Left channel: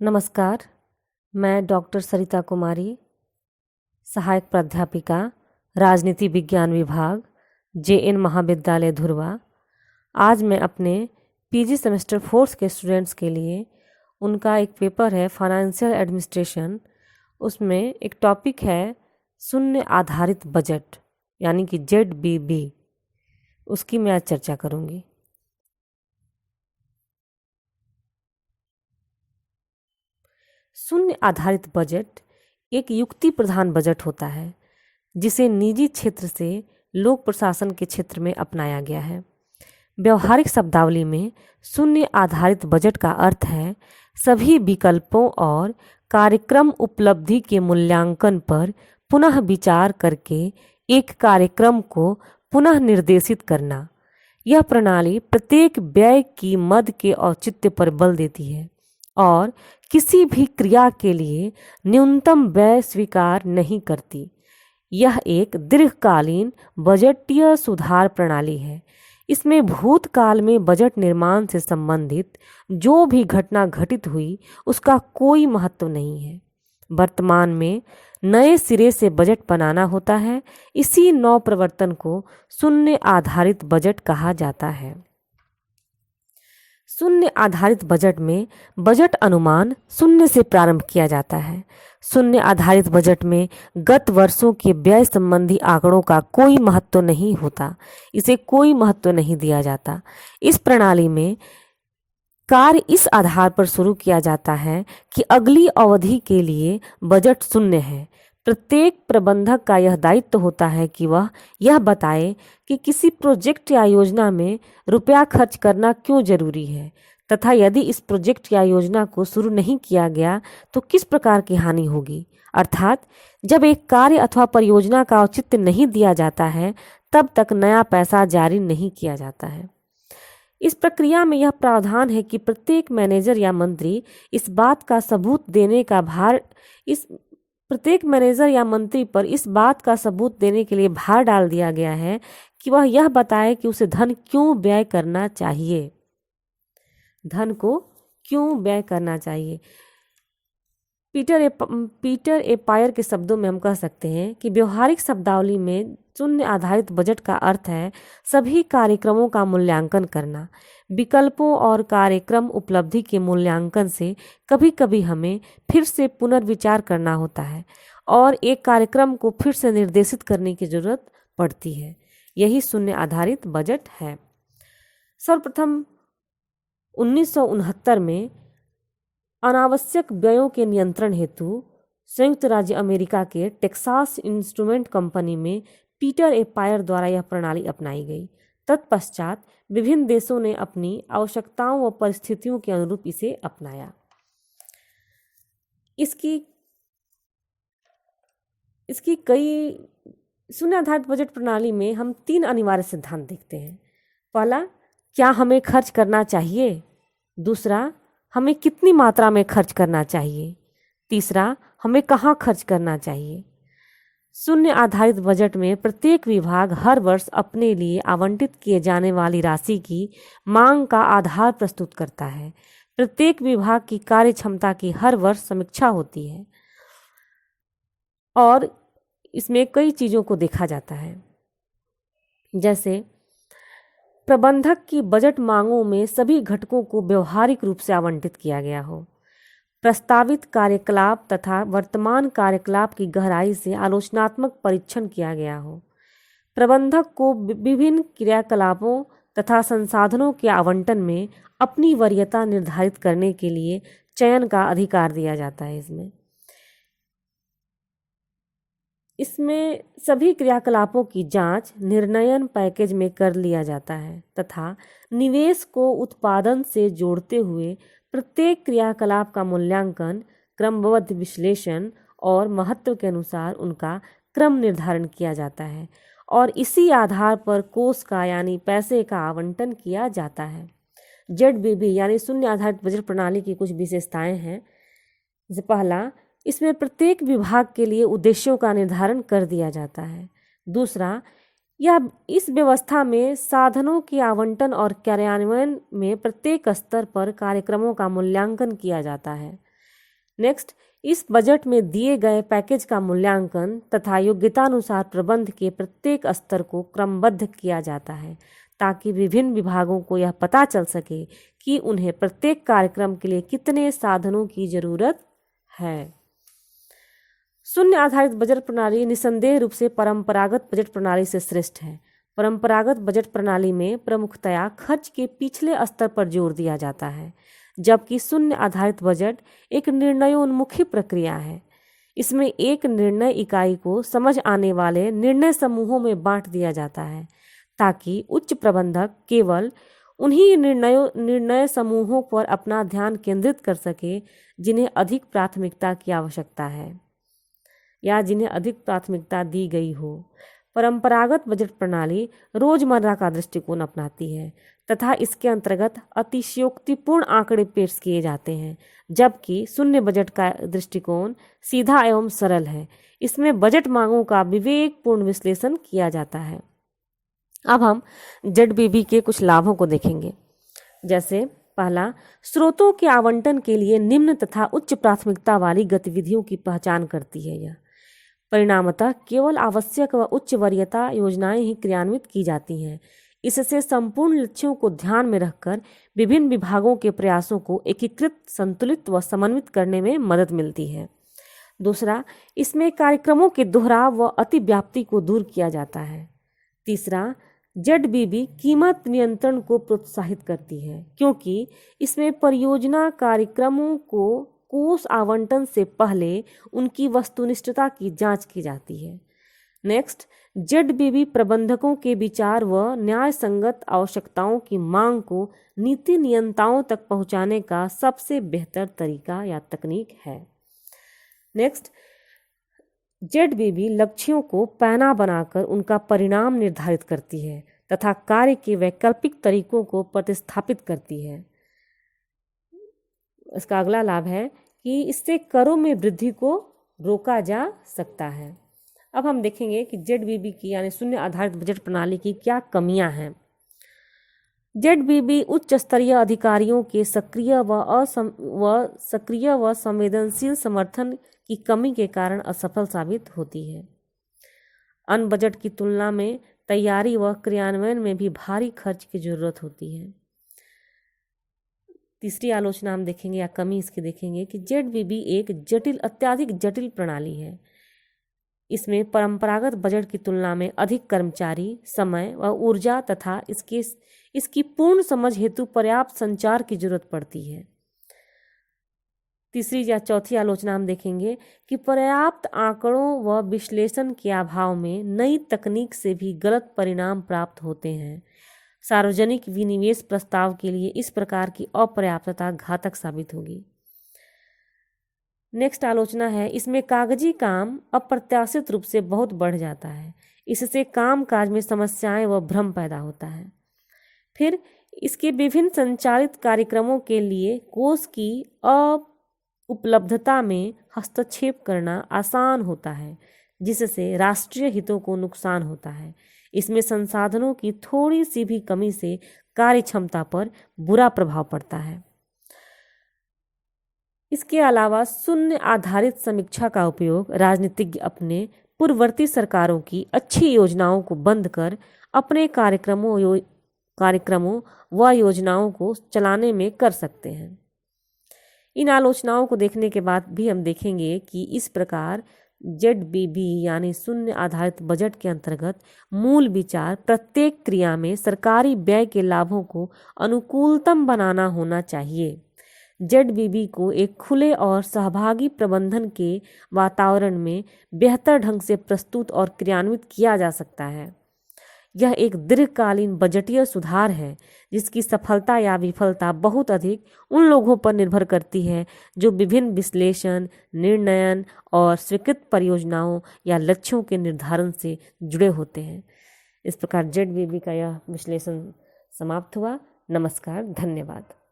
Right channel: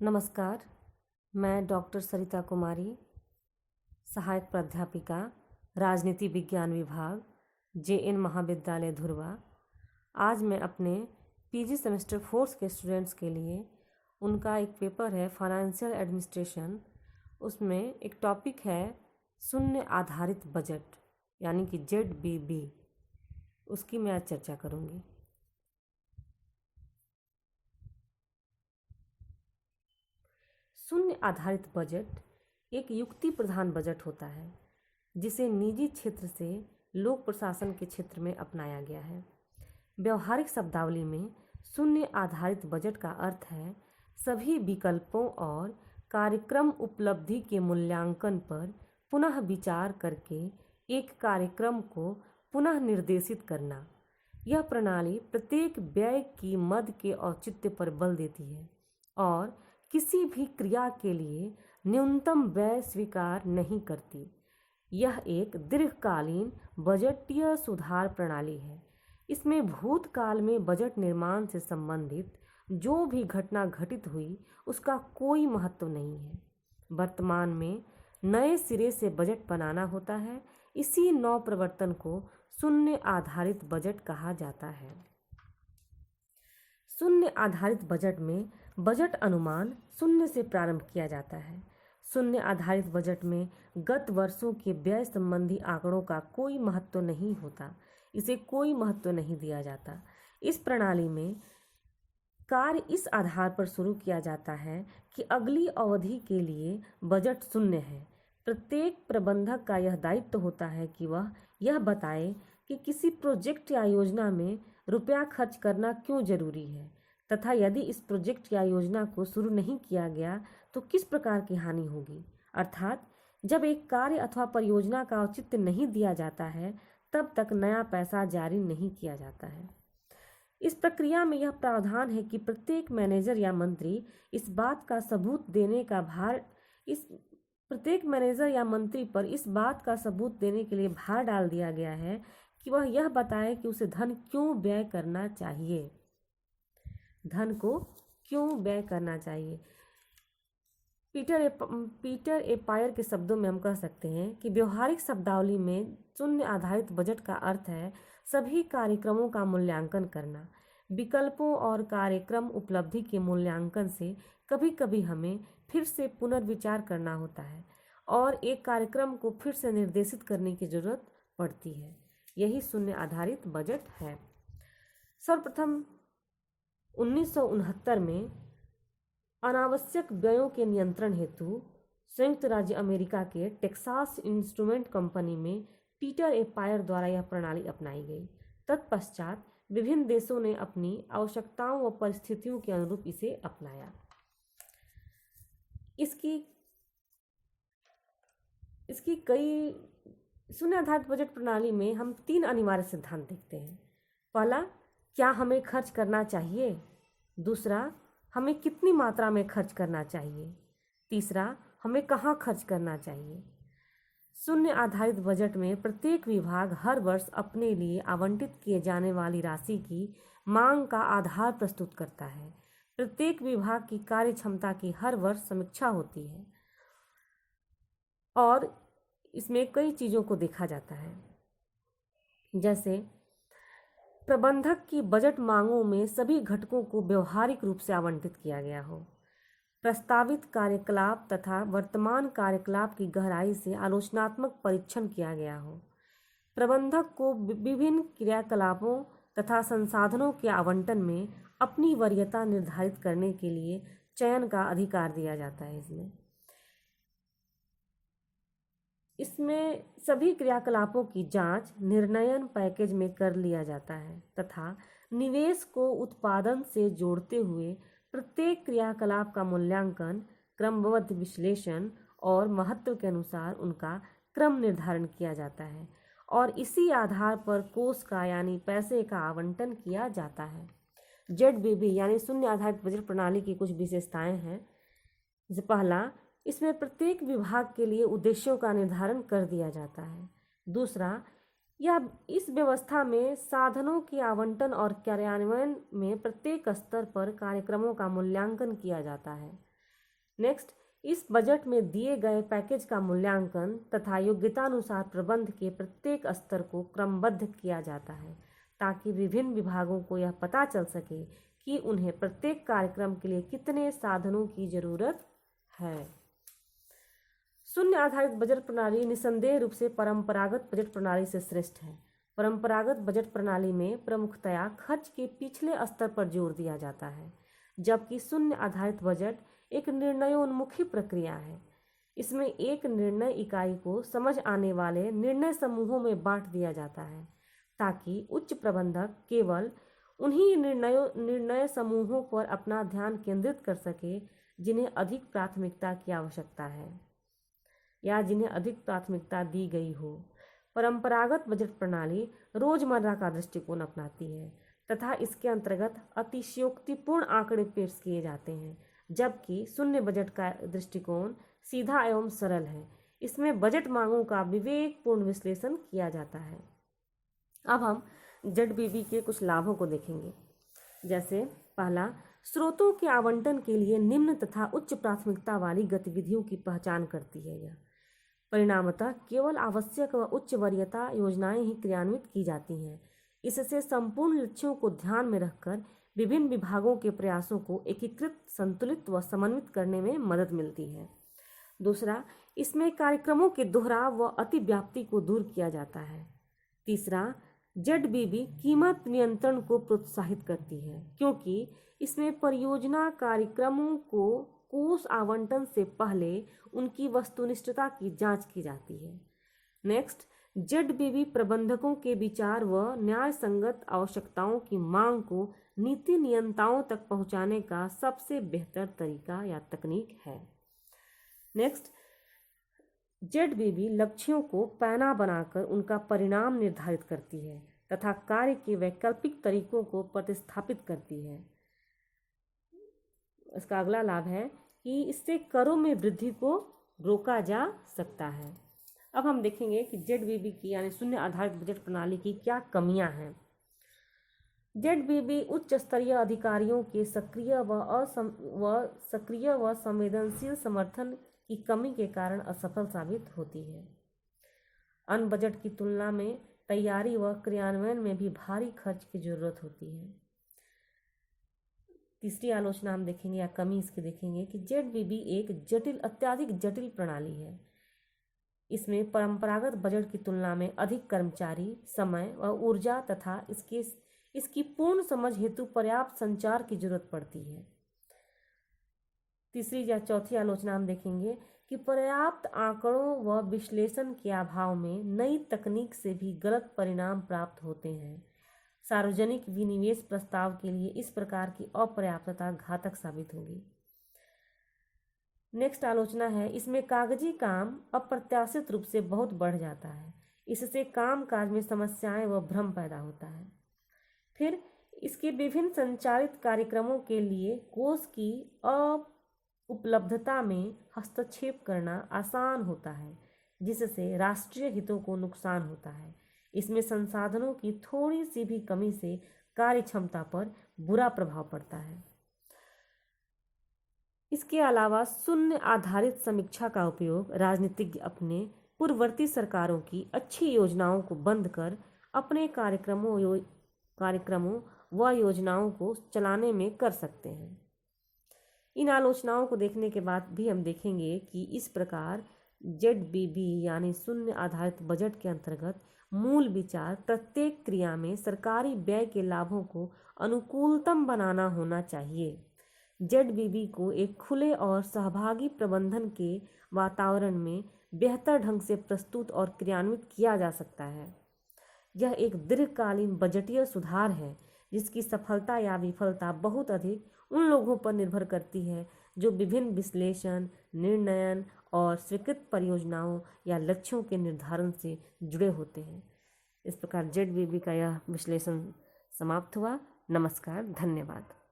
नमस्कार। मैं डॉक्टर सरिता कुमारी, सहायक प्राध्यापिका, राजनीति विज्ञान विभाग, जेएन महाविद्यालय धुर्वा। आज मैं अपने पीजी सेमेस्टर 4 के स्टूडेंट्स के लिए उनका एक पेपर है फाइनेंशियल एडमिनिस्ट्रेशन। उसमें एक टॉपिक है शून्य आधारित बजट यानी कि ZBB। उसकी मैं आज चर्चा करूँगी। शून्य आधारित बजट एक युक्ति प्रधान बजट होता है जिसे निजी क्षेत्र से लोक प्रशासन के क्षेत्र में अपनाया गया है। व्यवहारिक शब्दावली में शून्य आधारित बजट का अर्थ है सभी विकल्पों और कार्यक्रम उपलब्धि के मूल्यांकन पर पुनः विचार करके एक कार्यक्रम को पुनः निर्देशित करना। यह प्रणाली प्रत्येक व्यय की मद के औचित्य पर बल देती है और किसी भी क्रिया के लिए न्यूनतम व्यय स्वीकार नहीं करती। यह एक दीर्घकालीन बजटीय सुधार प्रणाली है। इसमें भूतकाल में बजट निर्माण से संबंधित जो भी घटना घटित हुई उसका कोई महत्व नहीं है। वर्तमान में नए सिरे से बजट बनाना होता है। इसी नव प्रवर्तन को शून्य आधारित बजट कहा जाता है। शून्य आधारित बजट में बजट अनुमान शून्य से प्रारंभ किया जाता है। शून्य आधारित बजट में गत वर्षों के व्यय संबंधी आंकड़ों का कोई महत्व नहीं होता, इसे कोई महत्व नहीं दिया जाता। इस प्रणाली में कार्य इस आधार पर शुरू किया जाता है कि अगली अवधि के लिए बजट शून्य है। प्रत्येक प्रबंधक का यह दायित्व होता है कि वह यह बताए कि किसी प्रोजेक्ट या योजना में रुपया खर्च करना क्यों जरूरी है तथा यदि इस प्रोजेक्ट या योजना को शुरू नहीं किया गया तो किस प्रकार की हानि होगी। अर्थात जब एक कार्य अथवा परियोजना का औचित्य नहीं दिया जाता है तब तक नया पैसा जारी नहीं किया जाता है। इस प्रक्रिया में यह प्रावधान है कि प्रत्येक मैनेजर या मंत्री इस बात का सबूत देने का भार डाल दिया गया है कि वह यह बताए कि उसे धन क्यों व्यय करना चाहिए। पीटर ए पायर के शब्दों में हम कह सकते हैं कि व्यवहारिक शब्दावली में शून्य आधारित बजट का अर्थ है सभी कार्यक्रमों का मूल्यांकन करना। विकल्पों और कार्यक्रम उपलब्धि के मूल्यांकन से कभी कभी हमें फिर से पुनर्विचार करना होता है और एक कार्यक्रम को फिर से निर्देशित करने की जरूरत पड़ती है। यही शून्य आधारित बजट है। सर्वप्रथम 1969 में अनावश्यक व्ययों के नियंत्रण हेतु संयुक्त राज्य अमेरिका के टेक्सास इंस्ट्रूमेंट कंपनी में पीटर ए पायर द्वारा यह प्रणाली अपनाई गई। तत्पश्चात विभिन्न देशों ने अपनी आवश्यकताओं व परिस्थितियों के अनुरूप इसे अपनाया। इसकी कई शून्य आधारित बजट प्रणाली में हम 3 अनिवार्य सिद्धांत देखते हैं। पहला, क्या हमें खर्च करना चाहिए। दूसरा, हमें कितनी मात्रा में खर्च करना चाहिए। तीसरा, हमें कहाँ खर्च करना चाहिए। शून्य आधारित बजट में प्रत्येक विभाग हर वर्ष अपने लिए आवंटित किए जाने वाली राशि की मांग का आधार प्रस्तुत करता है। प्रत्येक विभाग की कार्य क्षमता की हर वर्ष समीक्षा होती है और इसमें कई चीज़ों को देखा जाता है, जैसे प्रबंधक की बजट मांगों में सभी घटकों को व्यवहारिक रूप से आवंटित किया गया हो, प्रस्तावित कार्यकलाप तथा वर्तमान कार्यकलाप की गहराई से आलोचनात्मक परीक्षण किया गया हो, प्रबंधक को विभिन्न क्रियाकलापों तथा संसाधनों के आवंटन में अपनी वरीयता निर्धारित करने के लिए चयन का अधिकार दिया जाता है। इसमें सभी क्रियाकलापों की जांच निर्णयन पैकेज में कर लिया जाता है तथा निवेश को उत्पादन से जोड़ते हुए प्रत्येक क्रियाकलाप का मूल्यांकन, क्रमबद्ध विश्लेषण और महत्व के अनुसार उनका क्रम निर्धारण किया जाता है और इसी आधार पर कोष का यानी पैसे का आवंटन किया जाता है। ZBB यानी शून्य आधारित बजट प्रणाली की कुछ विशेषताएं हैं। जैसे पहला, इसमें प्रत्येक विभाग के लिए उद्देश्यों का निर्धारण कर दिया जाता है। दूसरा, यह इस व्यवस्था में साधनों के आवंटन और कार्यान्वयन में प्रत्येक स्तर पर कार्यक्रमों का मूल्यांकन किया जाता है। नेक्स्ट, इस बजट में दिए गए पैकेज का मूल्यांकन तथा योग्यतानुसार प्रबंध के प्रत्येक स्तर को क्रमबद्ध किया जाता है ताकि विभिन्न विभागों को यह पता चल सके कि उन्हें प्रत्येक कार्यक्रम के लिए कितने साधनों की जरूरत है। शून्य आधारित बजट प्रणाली निस्संदेह रूप से परंपरागत बजट प्रणाली से श्रेष्ठ है। परंपरागत बजट प्रणाली में प्रमुखतया खर्च के पिछले स्तर पर जोर दिया जाता है, जबकि शून्य आधारित बजट एक निर्णयोन्मुखी प्रक्रिया है। इसमें एक निर्णय इकाई को समझ आने वाले निर्णय समूहों में बांट दिया जाता है ताकि उच्च प्रबंधक केवल उन्हीं निर्णय समूहों पर अपना ध्यान केंद्रित कर सके जिन्हें अधिक प्राथमिकता की आवश्यकता है या जिन्हें अधिक प्राथमिकता दी गई हो। परंपरागत बजट प्रणाली रोजमर्रा का दृष्टिकोण अपनाती है तथा इसके अंतर्गत अतिशयोक्तिपूर्ण आंकड़े पेश किए जाते हैं, जबकि शून्य बजट का दृष्टिकोण सीधा एवं सरल है। इसमें बजट मांगों का विवेकपूर्ण विश्लेषण किया जाता है। अब हम ZBB के कुछ लाभों को देखेंगे। जैसे पहला, स्रोतों के आवंटन के लिए निम्न तथा उच्च प्राथमिकता वाली गतिविधियों की पहचान करती है। यह परिणामतः केवल आवश्यक व उच्च वरीयता योजनाएं ही क्रियान्वित की जाती हैं। इससे संपूर्ण लक्ष्यों को ध्यान में रखकर विभिन्न विभागों के प्रयासों को एकीकृत, संतुलित व समन्वित करने में मदद मिलती है। दूसरा, इसमें कार्यक्रमों के दोहराव व अतिव्याप्ति को दूर किया जाता है। तीसरा, ZBB कीमत नियंत्रण को प्रोत्साहित करती है क्योंकि इसमें परियोजना कार्यक्रमों को कोष आवंटन से पहले उनकी वस्तुनिष्ठता की जांच की जाती है। नेक्स्ट, ZBB प्रबंधकों के विचार व न्याय संगत आवश्यकताओं की मांग को नीति नियंताओं तक पहुंचाने का सबसे बेहतर तरीका या तकनीक है। नेक्स्ट, ZBB लक्ष्यों को पैना बनाकर उनका परिणाम निर्धारित करती है तथा कार्य के वैकल्पिक तरीकों को प्रतिस्थापित करती है। इसका अगला लाभ है कि इससे करों में वृद्धि को रोका जा सकता है। अब हम देखेंगे कि ZBB की यानी शून्य आधारित बजट प्रणाली की क्या कमियां हैं। ZBB उच्च स्तरीय अधिकारियों के सक्रिय व संवेदनशील समर्थन की कमी के कारण असफल साबित होती है। अन्य बजट की तुलना में तैयारी व क्रियान्वयन में भी भारी खर्च की जरूरत होती है। तीसरी आलोचना हम देखेंगे या कमी इसकी देखेंगे कि ZBB एक अत्यधिक जटिल प्रणाली है। इसमें परंपरागत बजट की तुलना में अधिक कर्मचारी, समय व ऊर्जा तथा इसकी पूर्ण समझ हेतु पर्याप्त संचार की जरूरत पड़ती है। तीसरी या चौथी आलोचना हम देखेंगे कि पर्याप्त आंकड़ों व विश्लेषण के अभाव में नई तकनीक से भी गलत परिणाम प्राप्त होते हैं। सार्वजनिक विनिवेश प्रस्ताव के लिए इस प्रकार की अपर्याप्तता घातक साबित होगी। नेक्स्ट आलोचना है, इसमें कागजी काम अप्रत्याशित रूप से बहुत बढ़ जाता है। इससे कामकाज में समस्याएं व भ्रम पैदा होता है। फिर इसके विभिन्न संचालित कार्यक्रमों के लिए कोष की उपलब्धता में हस्तक्षेप करना आसान होता है, जिससे राष्ट्रीय हितों को नुकसान होता है। इसमें संसाधनों की थोड़ी सी भी कमी से कार्य क्षमता पर बुरा प्रभाव पड़ता है। इसके अलावा शून्य आधारित समीक्षा का उपयोग राजनीतिज्ञ अपने पूर्ववर्ती सरकारों की अच्छी योजनाओं को बंद कर अपने कार्यक्रमों व योजनाओं को चलाने में कर सकते हैं। इन आलोचनाओं को देखने के बाद भी हम देखेंगे कि इस प्रकार ZBB यानी शून्य आधारित बजट के अंतर्गत मूल विचार प्रत्येक क्रिया में सरकारी व्यय के लाभों को अनुकूलतम बनाना होना चाहिए। ZBB को एक खुले और सहभागी प्रबंधन के वातावरण में बेहतर ढंग से प्रस्तुत और क्रियान्वित किया जा सकता है। यह एक दीर्घकालीन बजटीय सुधार है जिसकी सफलता या विफलता बहुत अधिक उन लोगों पर निर्भर करती है जो विभिन्न विश्लेषण, निर्णयन और स्वीकृत परियोजनाओं या लक्ष्यों के निर्धारण से जुड़े होते हैं। इस प्रकार ZBB का यह विश्लेषण समाप्त हुआ। नमस्कार, धन्यवाद।